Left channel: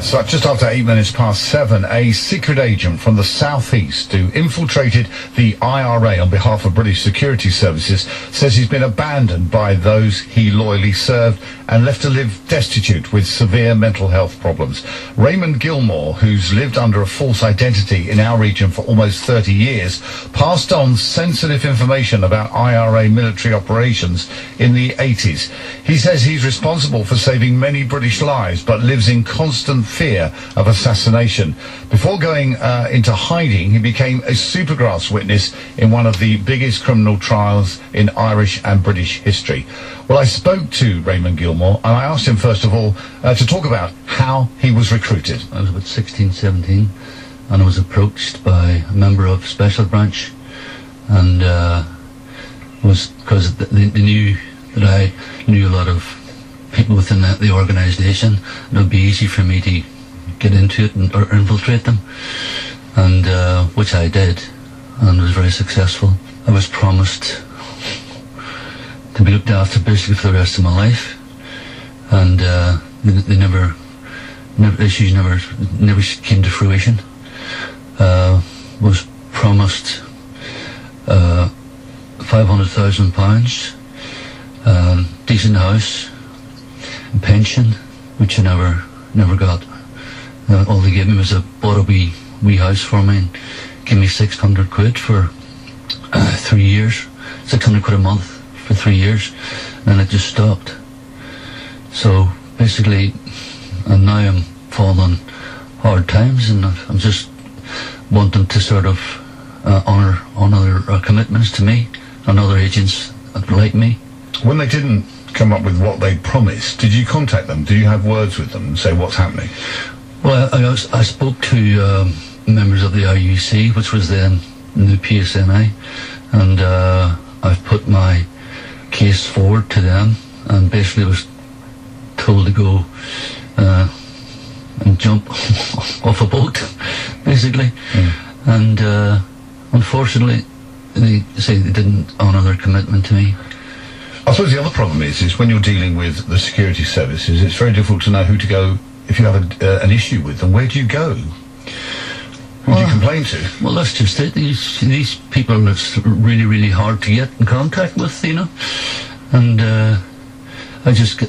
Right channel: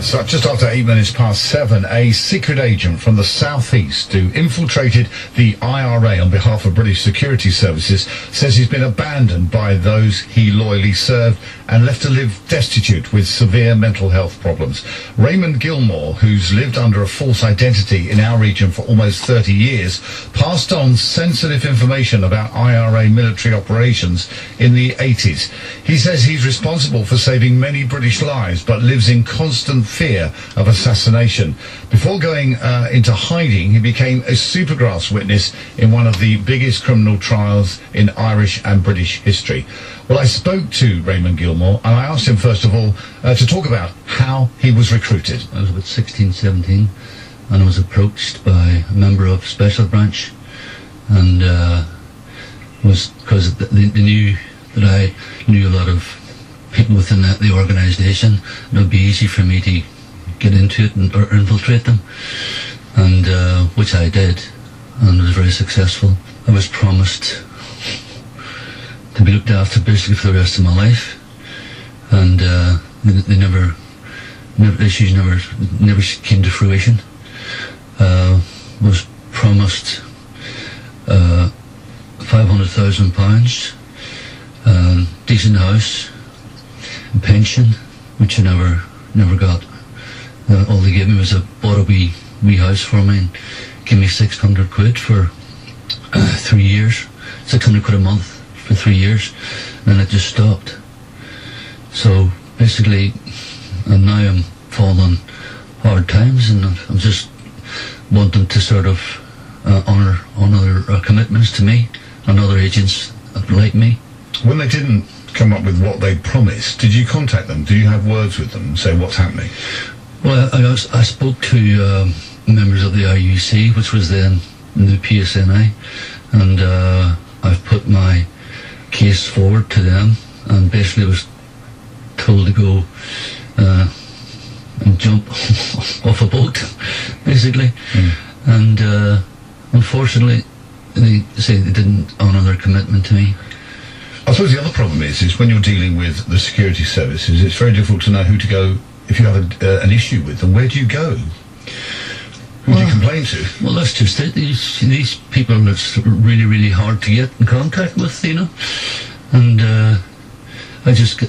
So just after 8 minutes past 7, a secret agent from the southeast who infiltrated the IRA on behalf of British security services says he's been abandoned by those he loyally served and left to live destitute with severe mental health problems. Raymond Gilmour, who's lived under a false identity in our region for almost 30 years, passed on sensitive information about IRA military operations in the 80s. He says he's responsible for saving many British lives, but lives in constant fear of assassination. Before going into hiding, he became a supergrass witness in one of the biggest criminal trials in Irish and British history. Well, I spoke to Raymond Gilmour, and I asked him, first of all, to talk about how he was recruited. I was about 16, 17, and I was approached by a member of Special Branch, and was because they knew that I knew a lot of people within the organisation. It would be easy for me to get into it or infiltrate them, and which I did, and was very successful. I was promised to be looked after basically for the rest of my life, and issues never came to fruition. Was promised £500,000, decent house, pension, which I never got. All they gave me was bought a wee house for me and gave me 600 quid for 3 years, 600 quid a month for 3 years, and it just stopped. So basically, and now I'm falling on hard times, and I'm just wanting to sort of honour their commitments to me and other agents like me. When they didn't come up with what they promised, did you contact them? Do you have words with them and say what's happening? Well, I spoke to members of the IUC, which was then the PSNI, and I've put my case forward to them, and basically was told to go and jump off a boat, basically. And unfortunately, they say they didn't honour their commitment to me. I suppose the other problem is when you're dealing with the security services, it's very difficult to know who to go if you have an issue with them. Where do you go? Who do you complain to? Well, that's just it. These people, it's really, really hard to get in contact with, you know. And I just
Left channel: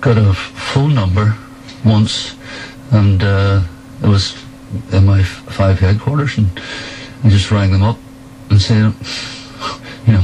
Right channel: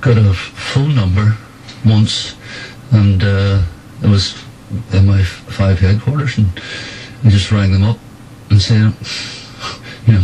got a phone number once, and it was MI5 headquarters, and I just rang them up and said, you know,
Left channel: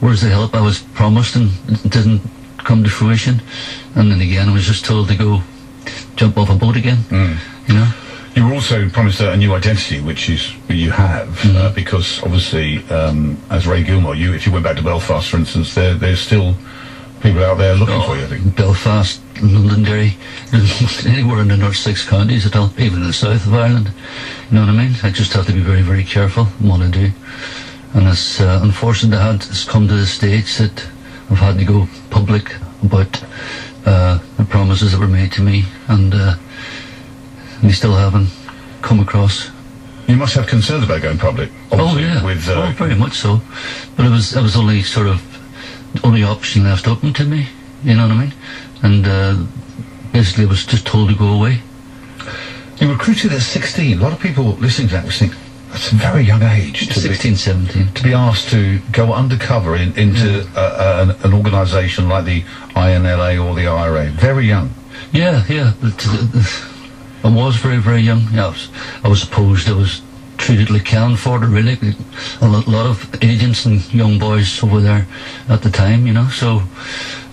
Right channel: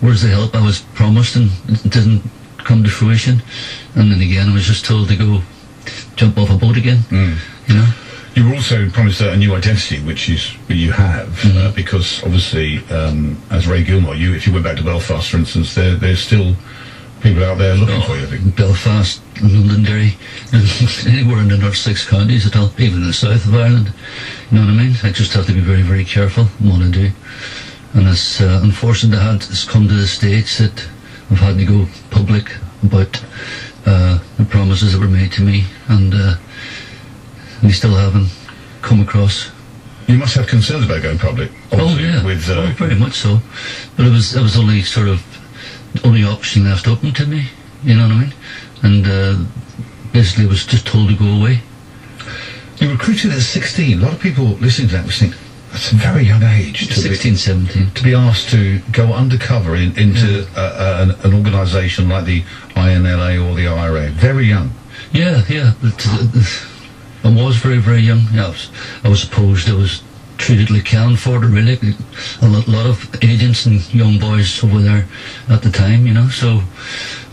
where's the help I was promised, and it didn't come to fruition. And then again, I was just told to go jump off a boat again, you know. You were also promised a new identity, which you have, because obviously, as Ray Gilmour, if you went back to Belfast, for instance, there's still people out there looking for you, I think. Belfast, Londonderry, anywhere in the North 6 counties at all, even in the south of Ireland. You know what I mean? I just have to be very, very careful what I do. And it's unfortunate that it's come to the stage that I've had to go public about the promises that were made to me, and they still haven't come across. You must have concerns about going public. Oh yeah, with, very much so. But it was only sort of the only option left open to me. You know what I mean? And basically, I was just told to go away. You were recruited at 16. A lot of people listening to that was thinking, that's a very young age. 16, 17. To be asked to go undercover into an organisation like the INLA or the IRA. Very young. Yeah. I was very, very young. Yeah, I was opposed. I was treated like cannon fodder, really. A lot of agents and young boys over there at the time, you know. So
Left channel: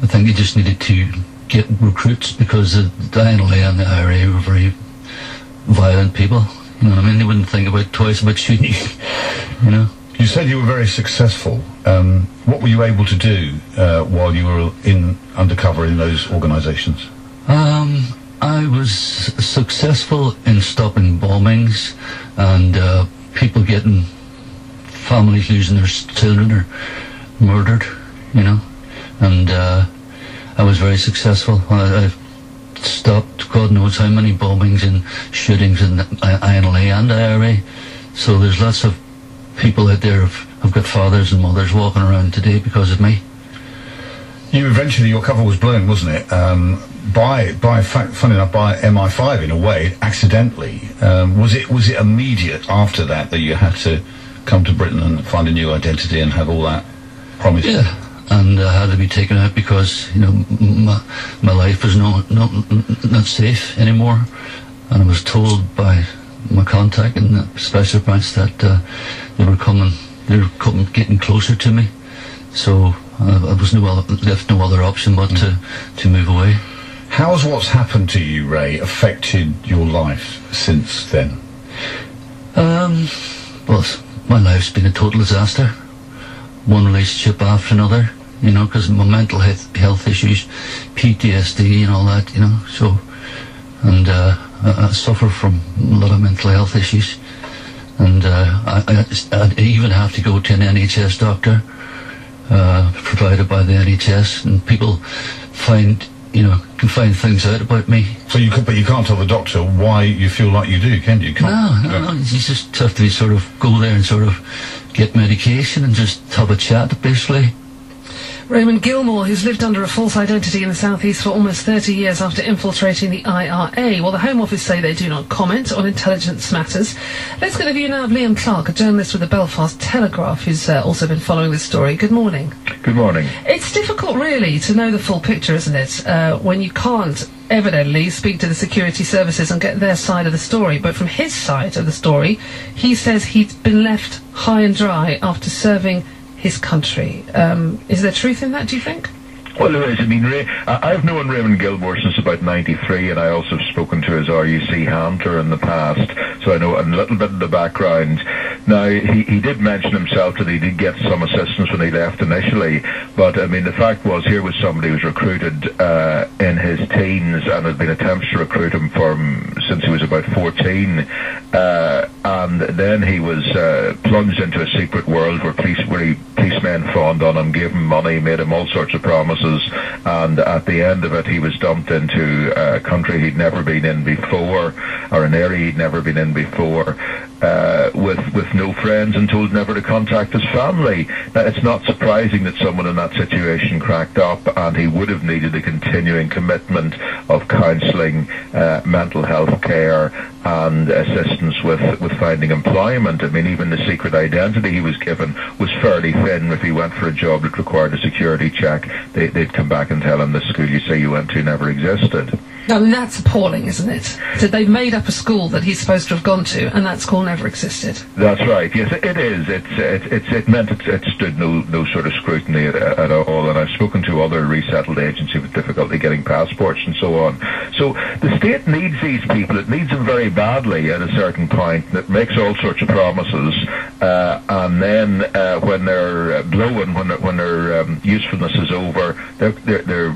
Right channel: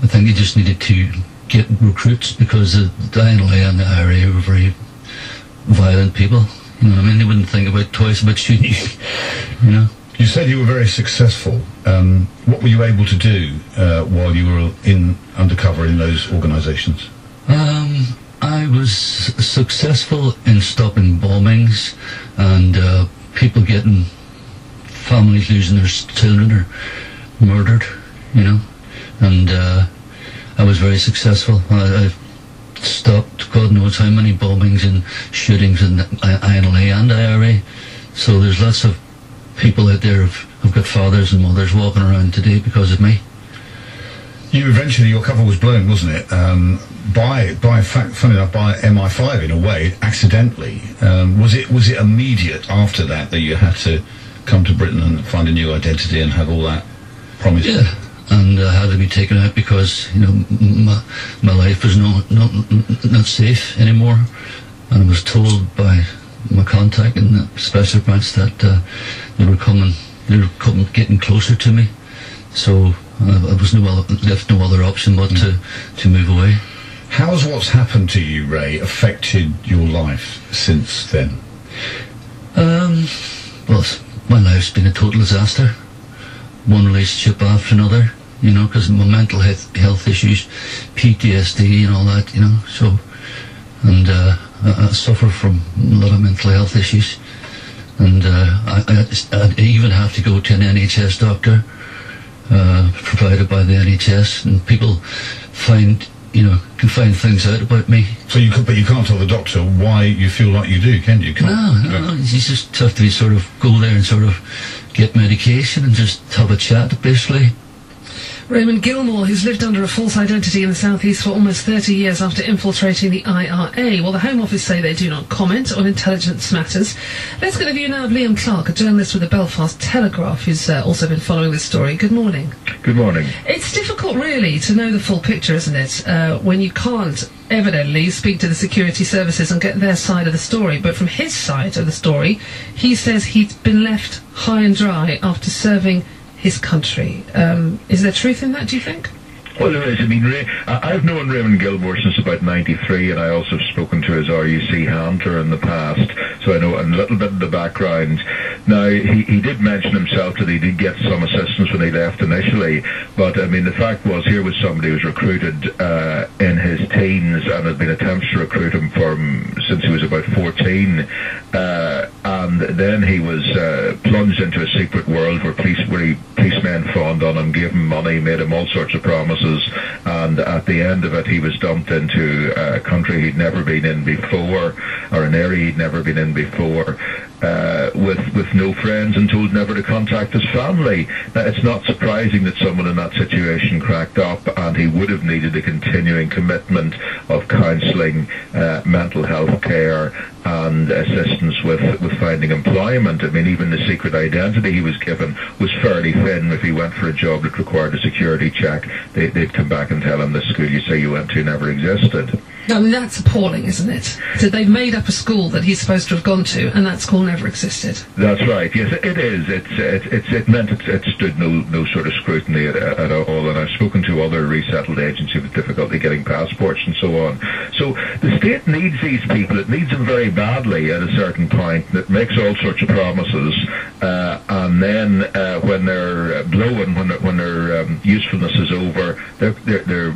I think they just needed to get recruits, because the INLA and the IRA were very violent people. You know what I mean? They wouldn't think twice about shooting you, you know. You said you were very successful. What were you able to do while you were undercover in those organisations? I was successful in stopping bombings and people getting, families losing their children or murdered, you know. And I was very successful. I stopped God knows how many bombings and shootings in the INLA and IRA. So there's lots of people out there who've got fathers and mothers walking around today because of me. Your cover was blown, wasn't it? Funny enough, by MI5 in a way, accidentally. Was it immediate after that you had to come to Britain and find a new identity and have all that promised? Yeah, and I had to be taken out because my life was not safe anymore, and I was told by my contact in the special branch that they were getting closer to me. So I was left no other option but to move away. How has what's happened to you, Ray, affected your life since then? Well, my life's been a total disaster. One relationship after another, because my mental health issues, PTSD and all that, so, and I suffer from a lot of mental health issues, and I even have to go to an NHS doctor, provided by the NHS, and people can find things out about me. So but you can't tell the doctor why you feel like you do, can you? No, you just have to sort of go there and sort of get medication and just have a chat, basically. Raymond Gilmour, who's lived under a false identity in the South East for almost 30 years after infiltrating the IRA. Well, the Home Office say they do not comment on intelligence matters. Let's get a view now of Liam Clark, a journalist with the Belfast Telegraph, who's also been following this story. Good morning. Good morning. It's difficult, really, to know the full picture, isn't it, when you can't evidently speak to the security services and get their side of the story. But from his side of the story, he says he's been left high and dry after serving his country. Is there truth in that, do you think? Well, there is. I mean, I've known Raymond Gilmour since about '93, and I also have spoken to his RUC handler in the past, so I know a little bit of the background. Now, he did mention himself that he did get some assistance when he left initially, but, I mean, the fact was, here was somebody who was recruited in his teens, and had been attempts to recruit him since he was about 14, and then he was plunged into a secret world where policemen fawned on him, gave him money, made him all sorts of promises, and at the end of it he was dumped into a country he'd never been in before, or an area he'd never been in before, with no friends, and told never to contact his family. Now, it's not surprising that someone in that situation cracked up, and he would have needed a continuing commitment of counselling, mental health care, and assistance with finding employment. I mean, even the secret identity he was given was fairly thin. If he went for a job that required a security check, they'd come back and tell him the school you say you went to never existed. I mean, that's appalling, isn't it? So they've made up a school that he's supposed to have gone to, and that school never existed. That's right. Yes, it is. It meant it stood no sort of scrutiny at all. And I've spoken to other resettled agencies with difficulty getting passports and so on. So the state needs these people. It needs them very badly at a certain point. It makes all sorts of promises, and then when they're blown, when their usefulness is over, they're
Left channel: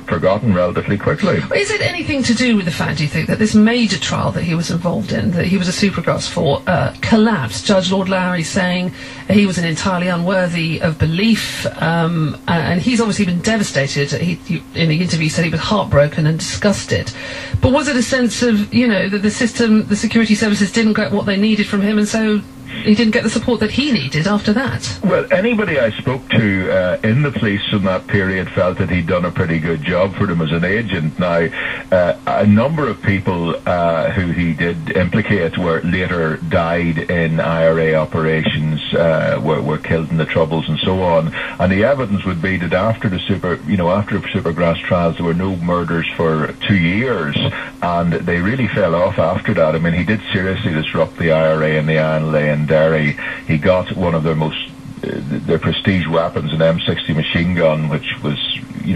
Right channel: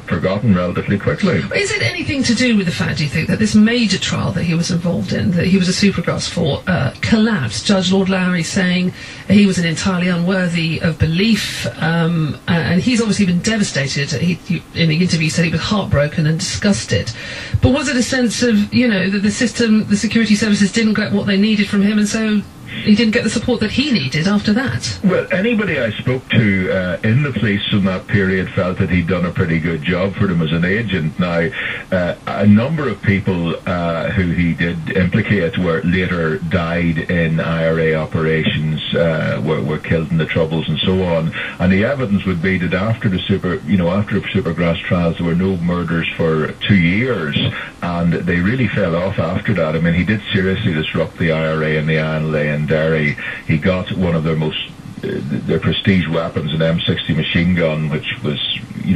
forgotten relatively quickly. Is it anything to do with the fact, do you think, that this major trial that he was involved in, that he was a supergrass for, collapsed? Judge Lord Lowry saying he was entirely unworthy of belief, and he's obviously been devastated. He in the interview said he was heartbroken and disgusted. But was it a sense of, that the security services didn't get what they needed from him, and so he didn't get the support that he needed after that? Well, anybody I spoke to in the police in that period felt that he'd done a pretty good job for them as an agent. Now, a number of people who he did implicate later died in IRA operations, were killed in the Troubles and so on. And the evidence would be that after the Supergrass trials, there were no murders for 2 years, and they really fell off after that. I mean, he did seriously disrupt the IRA and the INLA in Derry. He got one of their prestige weapons, an M60 machine gun, which was,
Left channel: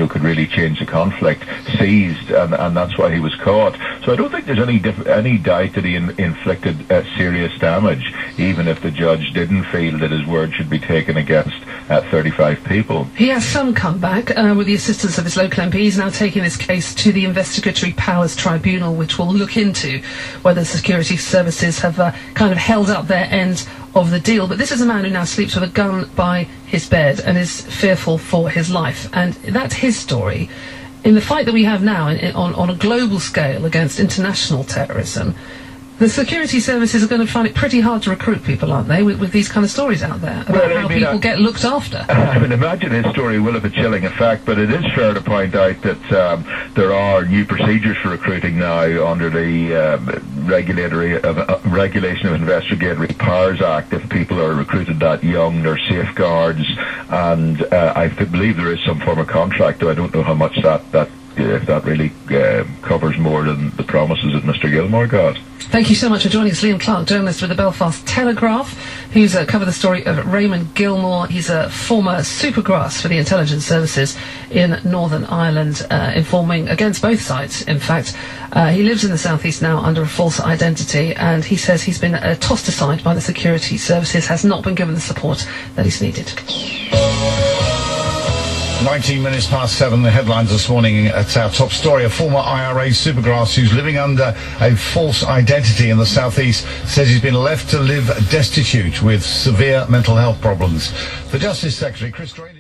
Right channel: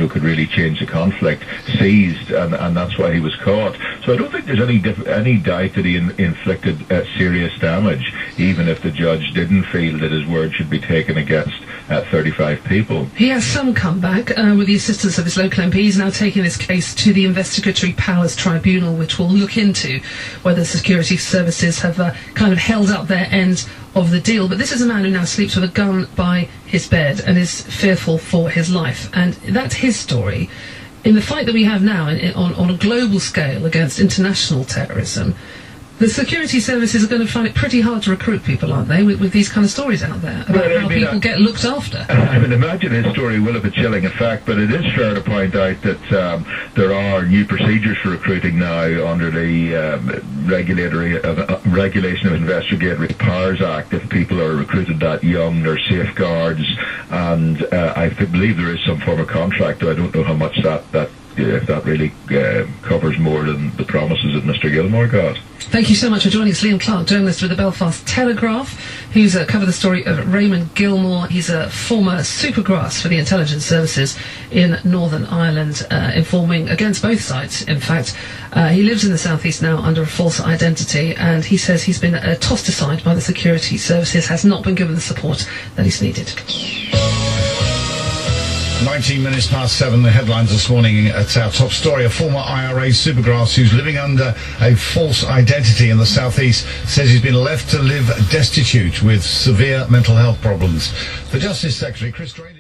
could really change the conflict, seized, and that's why he was caught. So I don't think there's any doubt that he inflicted serious damage, even if the judge didn't feel that his word should be taken against 35 people. He has some comeback with the assistance of his local MP. He's now taking this case to the Investigatory Powers Tribunal, which will look into whether security services have kind of held up their end of the deal. But this is a man who now sleeps with a gun by his bed and is fearful for his life. And that's his story. In the fight that we have now on a global scale against international terrorism, The security services are going to find it pretty hard to recruit people, aren't they, with these kind of stories out there about how people get looked after? I would imagine his story will have a chilling effect, but it is fair to point out that there are new procedures for recruiting now under the Regulation of Investigatory Powers Act. If people are recruited that young, there are safeguards, and I believe there is some form of contract, though I don't know how much if that really covers more than the promises that Mr. Gilmour got. Thank you so much for joining us, Liam Clark, journalist with the Belfast Telegraph, who's covered the story of Raymond Gilmour. He's a former supergrass for the intelligence services in Northern Ireland, informing against both sides, in fact. He lives in the southeast now under a false identity, and he says he's been tossed aside by the security services, has not been given the support that he's needed. 19 minutes past 7, the headlines this morning at our top story. A former IRA supergrass who's living under a false identity in the southeast says he's been left to live destitute with severe mental health problems. The Justice Secretary, Chris Draynor...